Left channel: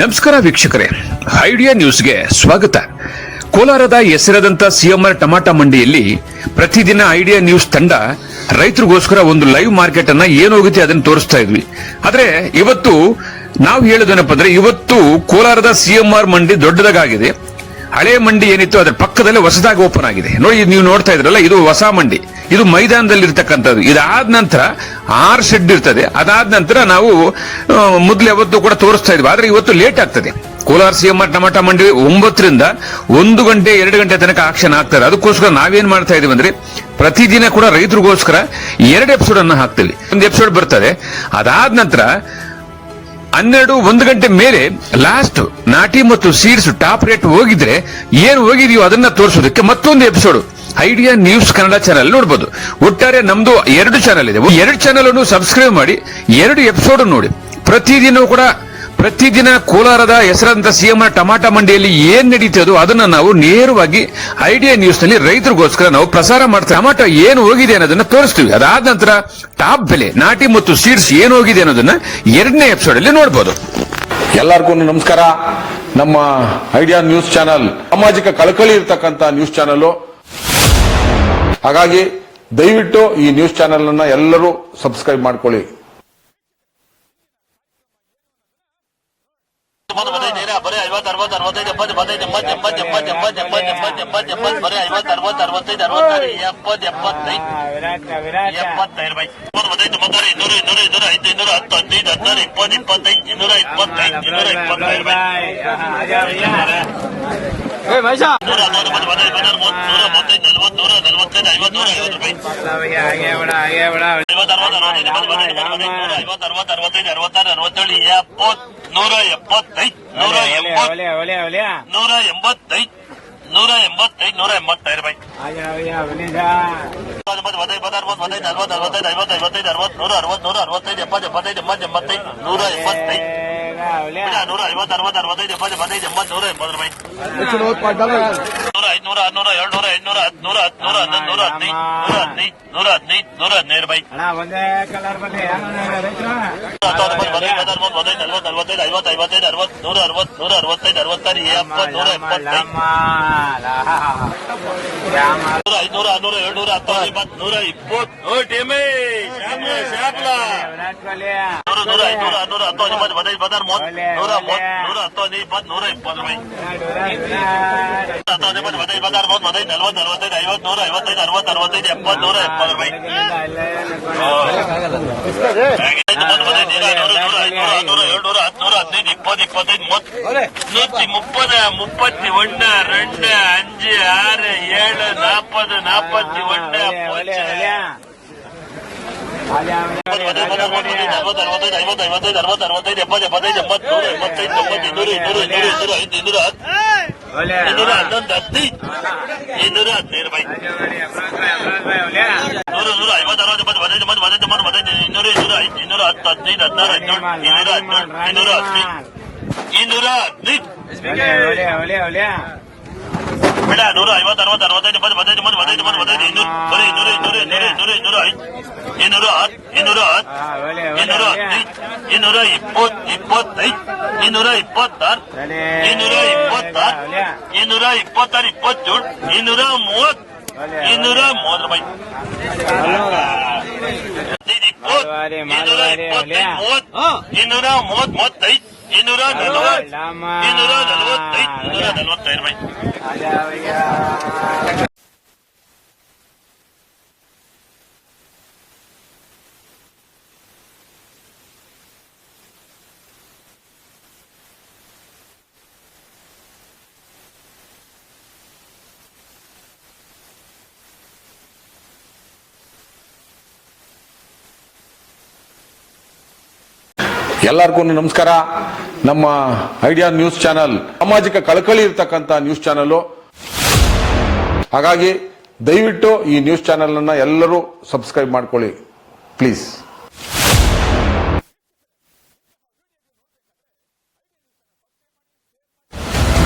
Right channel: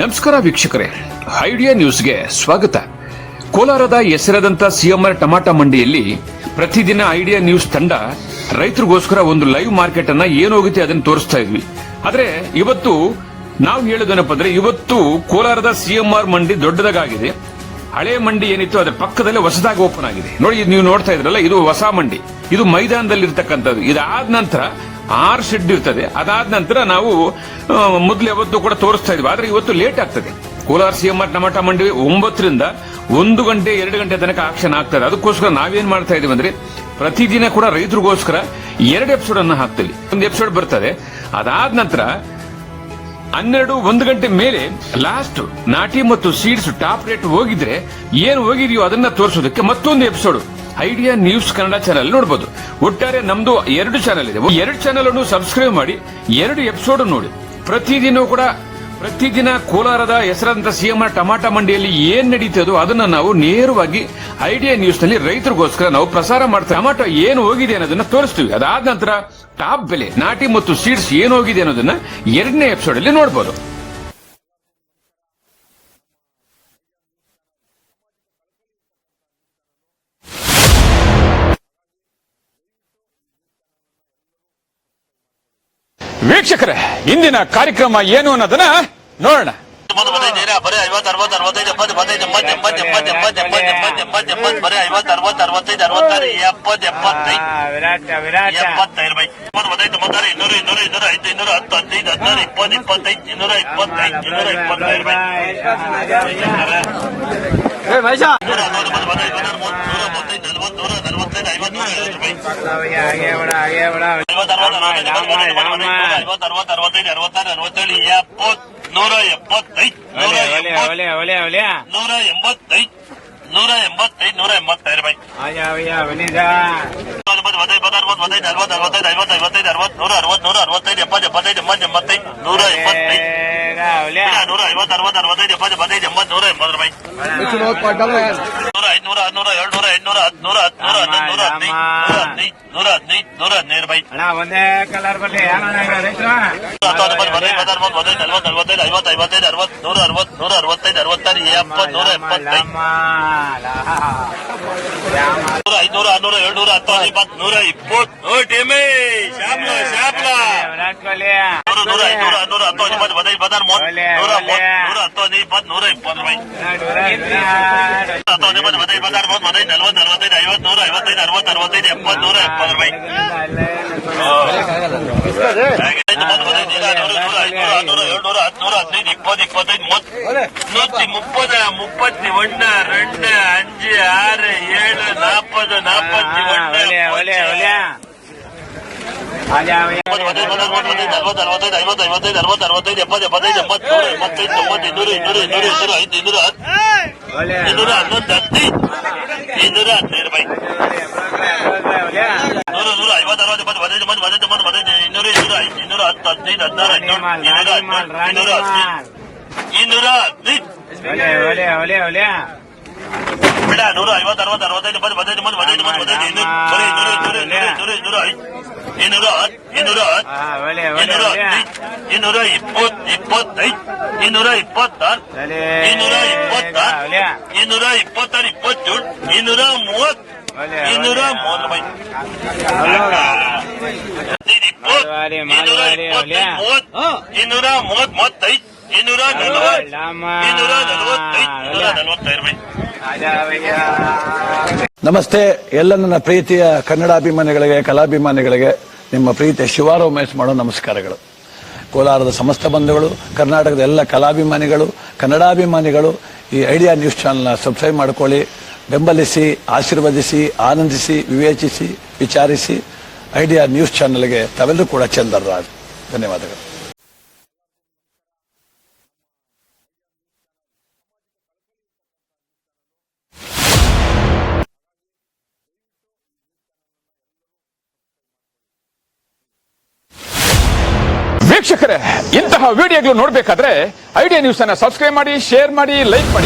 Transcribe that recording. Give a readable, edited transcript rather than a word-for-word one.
ನಮಸ್ಕಾರ ವೀಕ್ಷಕರೇ, ಐಡಿಯಾ ನ್ಯೂಸ್ಗೆ ಸ್ವಾಗತ. ಕೋಲಾರದ ಹೆಸರಾದಂತ ಸಿಎಂಆರ್ ಟಮಾಟಾ ಮಂಡಿಯಲ್ಲಿ ಪ್ರತಿದಿನ ಐಡಿಯಾ ನ್ಯೂಸ್ ತಂಡ ರೈತರಿಗೋಸ್ಕರ ಒಂದು ಲೈವ್ ಮಾರ್ಕೆಟ್ ಅನ್ನ ಏನಾಗುತ್ತೆ ಅದನ್ನು ತೋರಿಸ್ತಾ ಇದ್ವಿ. ಆದ್ರೆ ಇವತ್ತು ನಾವು ಹೇಳೋದೇನಪ್ಪ ಅಂದ್ರೆ, ಇವತ್ತು ಕೋಲಾರದ ಸಿಎಂಆರ್ ಮಂಡಿ ದೊಡ್ಡದಾಗಿದೆ. ಹಳೆ ಮಂಡಿ ಏನಿತ್ತು ಅದರ ಪಕ್ಕದಲ್ಲೇ ಹೊಸದಾಗಿ ಓಪನ್ ಆಗಿದೆ. ನೋಡಿ, ನೀವು ನೋಡ್ತಾ ಇದ್ರಲ್ಲ, ಇದು ಹೊಸ ಮಂಡಿ. ಇದು ಮೈದಾನದಲ್ಲಿ ಇರ್ತಕ್ಕಂಥದ್ದು. ಇದಾದ ನಂತರ 6 ಶೆಡ್ ಇರ್ತದೆ. ಅದಾದ ನಂತರ ನಾವು ಮೊದಲು ಯಾವತ್ತು ಕೂಡ ತೋರಿಸ್ತಾ ಇದ್ವಿ. ಆದ್ರೆ ಇವತ್ತು ಲೇಟ್ ಆಗ್ತದೆ. ಕೋಲಾರ ಸಿಎಂಆರ್ ಟಮಾಟಾ ಮಂಡಿ 9ರಿಂದ 1 ಗಂಟೆ 2 ಗಂಟೆ ತನಕ ಆಕ್ಷನ್ ಆಗ್ತಾರೆ. ಅದಕ್ಕೋಸ್ಕರ ನಾವೇನ್ ಮಾಡ್ತಾ ಇದೀವಿ ಅಂದ್ರೆ, ಪ್ರತಿದಿನ ಕೂಡ ರೈತರಿಗೋಸ್ಕರ 2 ಎಪಿಸೋಡ್ ಅನ್ನು ಹಾಕ್ತೀವಿ. ಒಂದು ಎಪಿಸೋಡ್ ಬರ್ತದೆ. ಅದಾದ ನಂತರ 12-1 ಗಂಟೆ ಮೇಲೆ ಲಾಸ್ಟ್ ನಾಟಿ ಮತ್ತು ಸೀಡ್ಸ್ ಟಾಪ್ ರೇಟ್ ಹೋಗಿದ್ರೆ ಏನು ಹೋಗಿದೆಯೋ ಅದನ್ನ ತೋರಿಸೋದಕ್ಕೆ ಮತ್ತೊಂದು episode idea news Kannada channel ನೋಡಬಹುದು. ಒಟ್ಟಾರೆ ನಮ್ದು 2 ಚಾನೆಲ್ ಇದೆ. 2 ಚಾನೆಲ್ ಅನ್ನು ಸಬ್ಸ್ಕ್ರೈಬ್ ಮಾಡಿ 2 ಎಪಿಸೋಡ್ ನೋಡಿ. ಪ್ರತಿದಿನ ಕೋಲಾರದ ಹೆಸರಾದಂತ ಸಿಎಂಆರ್ ಟಮಾಟಾ ಮಂಡಿಯಲ್ಲಿ ಏನ್ ನಡೀತದೋ ಅದನ್ನ ನಾವು ನೇರವಾಗಿ ಐಡಿಯಾ ನ್ಯೂಸ್ ನಲ್ಲಿ ರೈತರಿಗೋಸ್ಕರ ನಾವು ಪ್ರಸಾರ ಮಾಡ್ತೀವಿ. ಟಮಾಟೋ ಏನು ಹೋಗಿದೆ ಅನ್ನೋದನ್ನ ತೋರಿಸ್ತೀವಿ. ಅದಾದ ನಂತರ ಟಾಪ್ ಬೆಲೆ, ನಾಟಿ ಮತ್ತು ಸೀಡ್ಸ್ ಏನು ಹೋಗಿದೆ ಅನ್ನೋದನ್ನ 2ನೇ ಎಪಿಸೋಡ್ ಅಲ್ಲಿ ನೋಡಬಹುದು. ಎಲ್ಲರಿಗೂ ನಮಸ್ಕಾರ. ನಮ್ಮ ಐಡಿಯಾ ನ್ಯೂಸ್ ಚಾನೆಲ್ ಸಾಮಾಜಿಕ ಕಳಕಳಿ ಇರತಕ್ಕಂತ ನ್ಯೂಸ್ ಚಾನೆಲ್. ಹಾಗಾಗಿ ದಯವಿಟ್ಟು ಈ ನ್ಯೂಸ್ ಚಾನೆಲ್ ಅನ್ನ ಎಲ್ಲರೂ ಸಬ್ಸ್ಕ್ರೈಬ್ ಮಾಡ್ಕೊಳ್ಳಿ. ವೀಕ್ಷಕರೇ, ಇಂದಿನ ಕಾರ್ಯಕ್ರಮ ಏನು ಅನ್ನೋದನ್ನ ನೋಡೋಣ. ಬರೀ 50, 60, 65, 70, 75, 80, 80, 80, 80, 80, 80, 80, ಬರೀ 50, 60, 65, 66, 70, 75, 75 ಬೈ 95, 96, 200, 200, 205, 210, 15, 16, 20, 25, 225, 225 ಬೈ ಒಂದೇ ಕಲರ್ ಬರಲಿ. 245 ನಮಸ್ತೆ ಎಲ್ಲ ನನ್ನ ಪ್ರೀತಿಯ ಕನ್ನಡಾಭಿಮಾನಿಗಳಿಗೆ, ಕಲಾಭಿಮಾನಿಗಳಿಗೆ ನಿಮ್ಮ ಪ್ರೀತಿಯ ಶಿವಾರ ಉಮೇಶ್ ಮಾಡೋ ನಮಸ್ಕಾರಗಳು. ಕೋಲಾರದ ಸಮಸ್ತ ಬಂಧುಗಳು, ಕರ್ನಾಟಕದ ಎಲ್ಲ ಕಲಾಭಿಮಾನಿಗಳು, ಕನ್ನಡಾಭಿಮಾನಿಗಳು ಈ ಐಡಿಯಾ ನ್ಯೂಸ್ ಚಾನೆಲ್ನ ಸಬ್ಸ್ಕ್ರೈಬ್ ಮಾಡ್ಕೊಳ್ಳಿ, ಬೆಂಬಲಿಸಿ, ಆಶೀರ್ವದಿಸಿ, ಆನಂದಿಸಿ, ವಿವೇಚಿಸಿ, ವಿಚಾರಿಸಿ. ಐಡಿಯಾ ನ್ಯೂಸ್ ಚಾನೆಲ್ಗೆ ತಾವೆಲ್ಲರೂ ಕೂಡ ಚಂದರ್ರಾಜ್. ಧನ್ಯವಾದಗಳು. ಎಲ್ಲರಿಗೂ ನಮಸ್ಕಾರ. ನಮ್ಮ ಐಡಿಯಾ ನ್ಯೂಸ್ ಚಾನೆಲ್ ಸಾಮಾಜಿಕ ಕಳಕಳಿ ಇರತಕ್ಕಂತ ನ್ಯೂಸ್ ಚಾನೆಲ್. ಹಾಗಾಗಿ ದಯವಿಟ್ಟು ಈ ನ್ಯೂಸ್ ಚಾನೆಲ್ ಅನ್ನ ಎಲ್ಲರೂ ಸಬ್ಸ್ಕ್ರೈಬ್ ಮಾಡ್ಕೊಳ್ಳಿ ಪ್ಲೀಸ್. ವೀಕ್ಷಕರೇ, ಇಂತಹ ವಿಡಿಯೋಗಳು ನೋಡಬೇಕಾದ್ರೆ ಐಡಿಯಾ ನ್ಯೂಸ್ ಅನ್ನ ಸಬ್ಸ್ಕ್ರೈಬ್ ಮಾಡಿ, ಶೇರ್ ಮಾಡಿ, ಲೈಕ್ ಮಾಡಿ.